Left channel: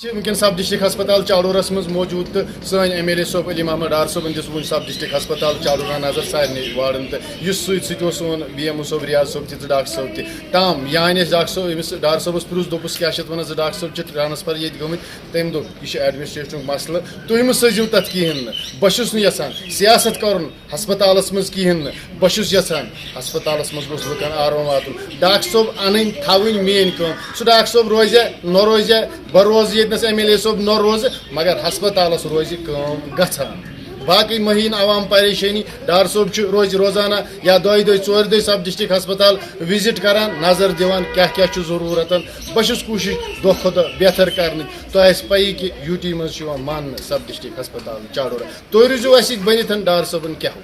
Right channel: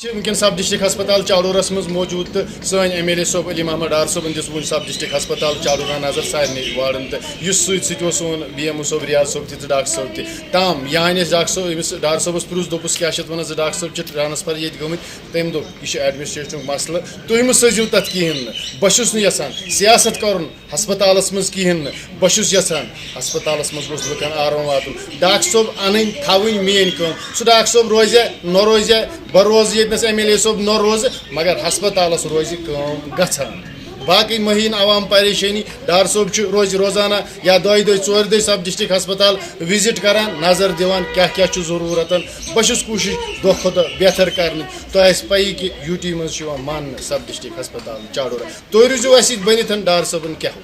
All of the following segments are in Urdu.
ونکن سب ڈسٹرک ہسپتال چاڑورس مز موجود تو سن ایم ایل اے صوب علی محمد ڈار صوبن دس ون سب ڈسٹرک ہسپتال چاڑورہ نظر سارے وارڈن تو اس ست سون بی ایم او صوب ریاض صوب تہ ڈاکٹر صوب تہ تام یہ ڈاکٹر صوب امس ڈار صوبس پرس دس کیا ون ڈاکٹر صوب ٹرانسفر یہ گمت تم دپ یہ ایڈمنسٹریشن مسئلہ تھی مہ سزو تک کہین بہس یژھان سیاست کر ہسپتالس مز کہین بہس یژھان ہسپتالس مز گوس لکن آرام واتن ڈاکٹر صوب ان تھوین مین کم سہ ڈاکٹر صوب روزِ نہ روزِ بہ روز یتنس ایم ایل اے صوب نہ روز مگر ہسپتالس روزِ کٲم گژھان باقی مہین عوام پریشانی ڈار صوب روز روزانہ یا دۄیہِ دۄہہِ ژورِ دۄہہِ سب ڈسٹرک ہسپتال وزٹ کران نظر دِوان کیا ضروٗرت بہٕ چھُس کوٗشِش دۄہ کھۄتہٕ دۄہ بہتر کرنٕچ تۄہہِ آسہِ پَیی کہِ یوٗ ٹی منٛز چھُ یِوان ماننہٕ سب ڈسٹرک ہسپتال چاڑورہ تُہۍ روٗزِو اَسہِ سۭتۍ بٔنِتھ ڈار صٲبن کیٛاہ ہو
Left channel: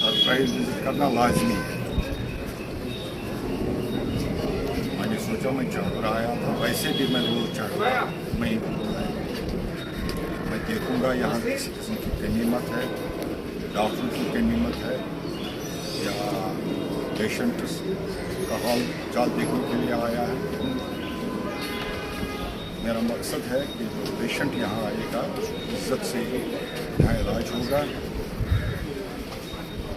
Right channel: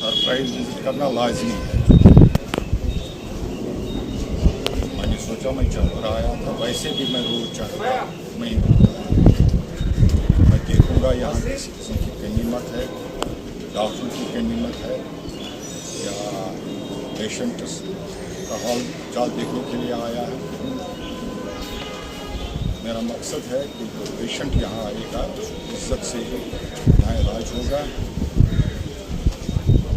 سرپرائز وزٹ کرنا لازمی ہے. میں نے سوچا میں چل کر آیا تھا ویسے بھی میں روز چڑھ رہا میں دیکھوں گا یہاں کسی قسم کی کمی مت ہے, ڈاکٹر کی کمی مت ہے یا پیشنٹس کا حال چال دیکھنے کے لیے آیا ہے. میرا مقصد ہے کہ جو پیشنٹ یہاں آئے گا عزت سے یہاں علاج ہوگا,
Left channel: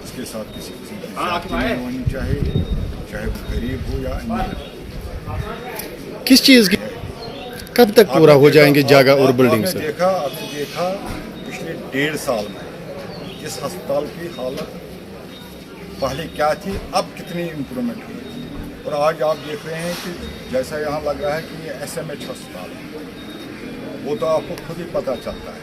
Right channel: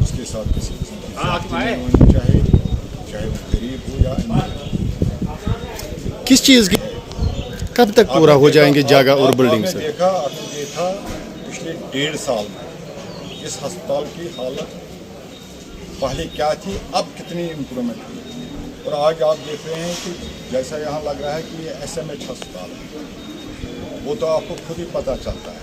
اس کے ساتھ کسی قسم کی زیادتی نہیں ہونی چاہیے, چاہے وہ غریب ہو یا امیر ہو. کس چیز کی کب تک پورا ہو جائیں گے جگہ اور بلڈنگ سے؟ آپ نے دیکھا پچھلے 1.5 سال میں اس ہسپتال کی حالت پہلے کیا تھی, اب کتنی امپرومنٹ ہوئی, اور آج آپ دیکھ رہے ہیں کہ جیسا یہاں لگ رہا ہے کہ یہ ایس ایم ایچ ہسپتال ہے, وہ تو آپ کو خود ہی پتہ چلتا ہے.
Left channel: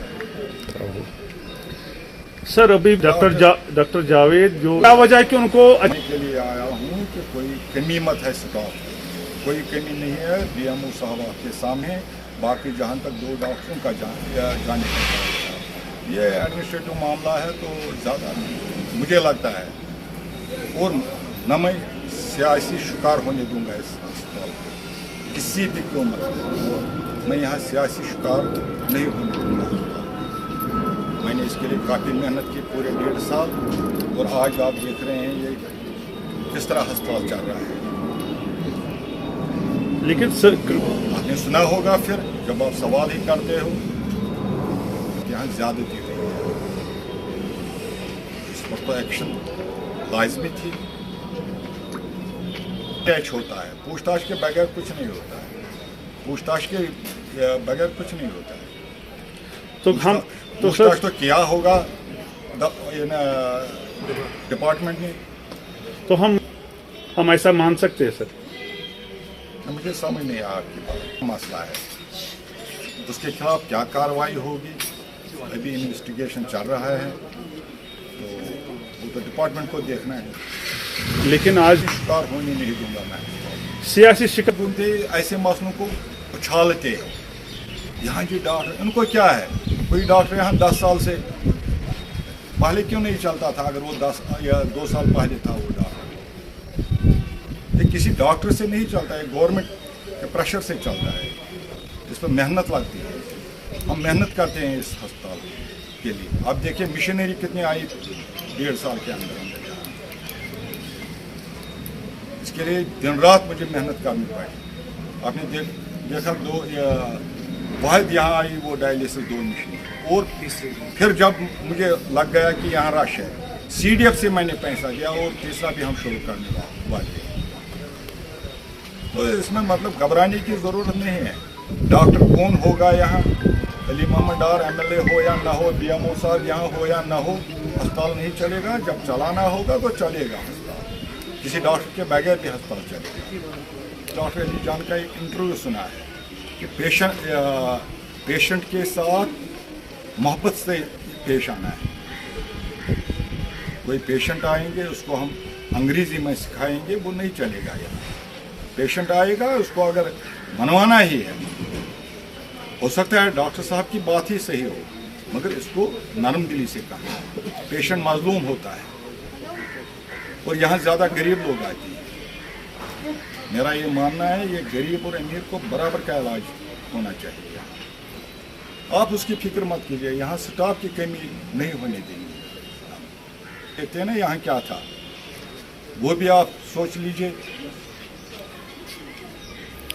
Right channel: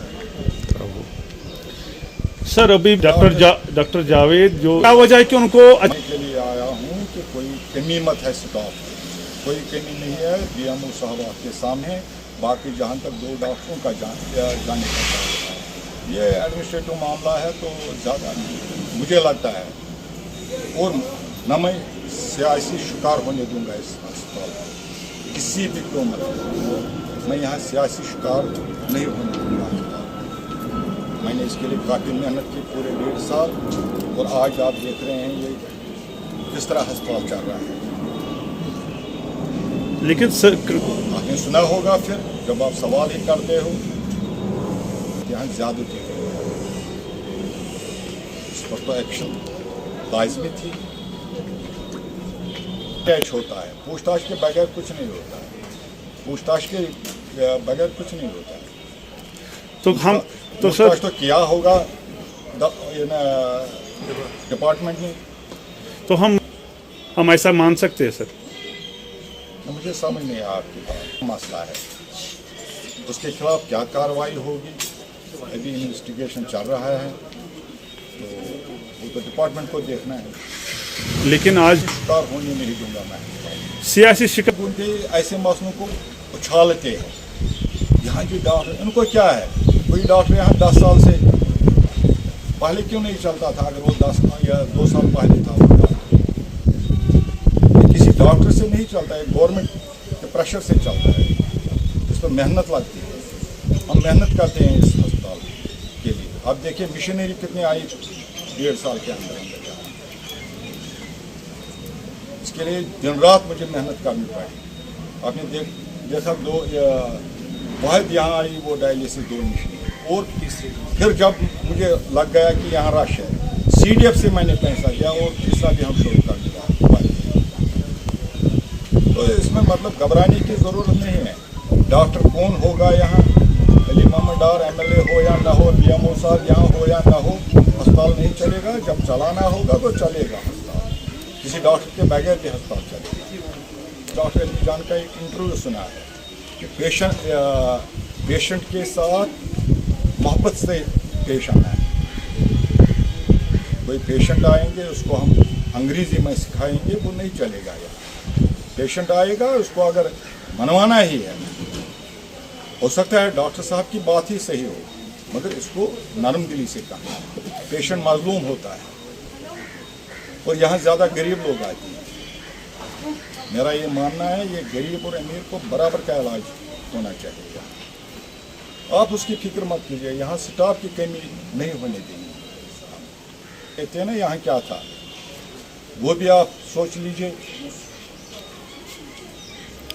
سر ابھی ڈاکٹر جاوید جو کیا وجہ ہے کہ ان کو کے لیے آیا ہوں کہ کوئی کمی مت ہے, اسٹاف کوئی کمی نہیں ہے. ڈی ایم او صاحب آپ کے سامنے, باقی جہاں تک 2 ڈاکٹروں کا جانے کا ہے, یہ ایڈمنسٹریٹو معاملہ ہے تو زیادہ مجھے لگتا ہے, اور نہ میں سیاسی شکار ہونے دوں گا اس ہسپتال کو کسی بھی قیمت میں. میں یہاں سیاسی شکار نہیں ہونے دوں گا ہسپتال. میں نے اس کے لیے کافی محنت کی پورے 1.5 سال, اور آج آپ دیکھ رہے ہیں یہ کس طرح ہسپتال چل رہا ہے. لیکن سر آپ نے سنا ہوگا پھر جب آپ سوال ہی کرتے ہو یہاں زیادتی ہوئی ہے, اس پر تو ایکشن لازمی تھی. اٹیچ ہوتا ہے, پوچھ تاچھ کے بغیر کچھ نہیں ہوتا ہے, پوچھ تاچھ کے بغیر کچھ نہیں ہوتا ہے. تو ہم پوچھ تاچھ تو کیا ہوگا ڈپارٹمنٹ نے, تو ہم ایسا مان سکتے ہیں سر. مجھے سمجھ نہیں آیا آپ کی بات. مسئلہ ہے اس کے خلاف کیا کارروائی ہوگی, ابھی انویسٹیگیشن چل رہا ہے, تو وہ تو ڈپارٹمنٹ کو دیکھنا ہے. لیکن آج شکار ہونے نہیں دوں گا میں. سیاسی شکار ایسے مسئلوں کو اچھالتے ہیں. یہاں جو ڈاکٹر ان کو کیا ہے, کوئی ڈاکٹر یہاں 10 سال سے پہلے کیوں نہیں چلتا تھا, اگر وہ 10 یا 2 سال پہلے تھا وہ ڈاکٹر, کسی ڈاکٹر سے نہیں چلتا ہے, گورنمنٹ کے پریشر سے چلتا ہے. اس پر محنت لگتی ہے, ہم محنت کرتے ہیں اس ہسپتال کے لیے. آپ دیکھیں مشینری کتنی آئی 1.5 سال کے اندر یہاں. اس کے لیے دن رات مجھے محنت کرنی پڑی. آپ نے دیکھا 2 واحد یہاں آئی وہ ڈائلیسس 2 مشین, اور پھر جب مجھے لگ گیا کہ یہاں رش ہے, سی ڈی ایف سے میں نے پیسہ لیا اور تیسرا بھی ہم شروع کرنے والے ہیں. تو اس میں مطلب گھبرانے کی ضرورت نہیں ہے. ڈاکٹر کون ہوگا یہاں, علی Mohammad Dar M L A ہو یا نہ ہو, بی ایم او صاحب یہاں ہو یا نہ ہو, ہسپتال نہیں چلے گا. جب چلانا ہوگا تو چلے گا ہسپتال, کسی ڈاکٹر کے بغیر بھی ہسپتال چلے گا. ڈاکٹر علی جان کا ایک انٹرویو سنا ہے کہ پیشنٹ کے ساتھ محبت سے پیش آنا ہے. کوئی پیشنٹ آئیں گے اس کو ہم انگریزی میں سکھائیں گے, وہ نہیں چلے گا. یہاں پیشنٹ آئے گا اس کو اگر منوانا ہی ہے, ہو سکتا ہے ڈاکٹر صاحب کی بات ہی صحیح ہو, مگر اس کو نرم دلی سے کہنا ہے. پیشنٹ مظلوم ہوتا ہے, اور یہاں زیادہ غریب لوگ آتے ہیں. میرا یہ ماننا ہے یہ غریب اور امیر کو برابر کا علاج ہونا چاہیے. آپ اس کی فکر مت کیجیے, یہاں سٹاف کی کمی نہیں ہونے دیں گے. کہتے ہیں نا یہاں کیا تھا, وہ بھی آپ سوچ لیجیے.